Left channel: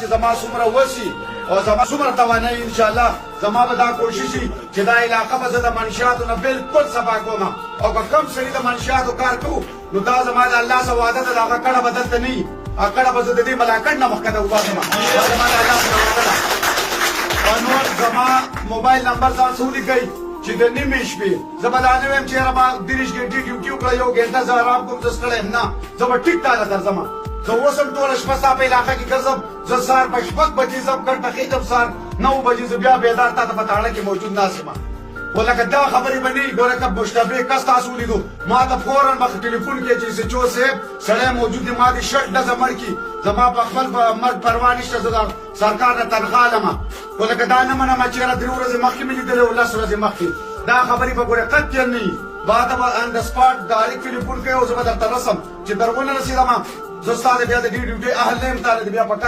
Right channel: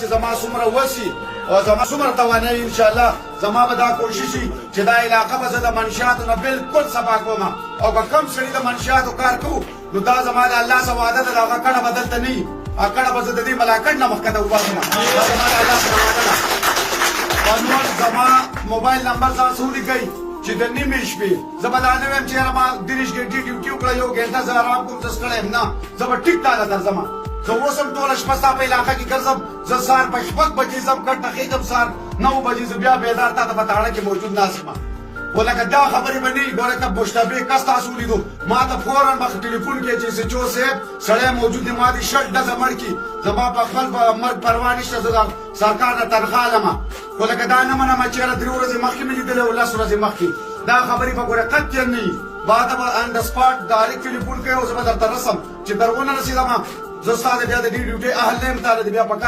چې زما څومره وسي او زما څومره توانایي ان شاء الله زما به دا کوشش وي چې دا علاقه به زه د منشیاتو نه بالکل صفا کوم او که کم سړي د منشیاتو کار کوو نو دا زما د الله سره وعده ده د هغه کډه به دلته نه وي هغه کډه به زه د دې ملاکټ نه مخکته وباسم دا زما د الله سره وعده ده. نور زما موبایل نمبر ځان څه ولیکئ چې د نیمې شپې زه به دا نه وایم چې یاره ما 30 ګنټې ډیوټي وکړه 1 ګنټه زه ارام کوم زه ستړی یم نه زه به ټیک تاله درځم زه اوس هم ټوله شپه ستا په علاقه کې ګرځم زه سهار په 6 بجې ځم ګټه خېږم سهار 9 بجې زه بیا بیدار تا ته په تاړه کې موجود ناست یم خو لکه دا خبرې به نه وي ګوره که مشتبه کس تاسو ولیدو ما ته فوراً مخ ټلیفون کې چې سچو صاحب سړی موجود دی ما دې شټ ډزه مړ کړي زما په خپل مرګ پروا نشته زه د سرکار نه تنخوا لمه خو لکه دا نه منمه چې یاره 3 ورځې مخکې مې لیدلی او 10 ورځې مخکې دا خبرې به ګوره قطعاً نه وي بعد به ان د سپاټ ډایرکټ ټلیفون کوي او زه به درته رسم چې در ونه رسېدمه زه ستا د بیا د دې ډیوټۍ اهل نه یم تا د بیا په کار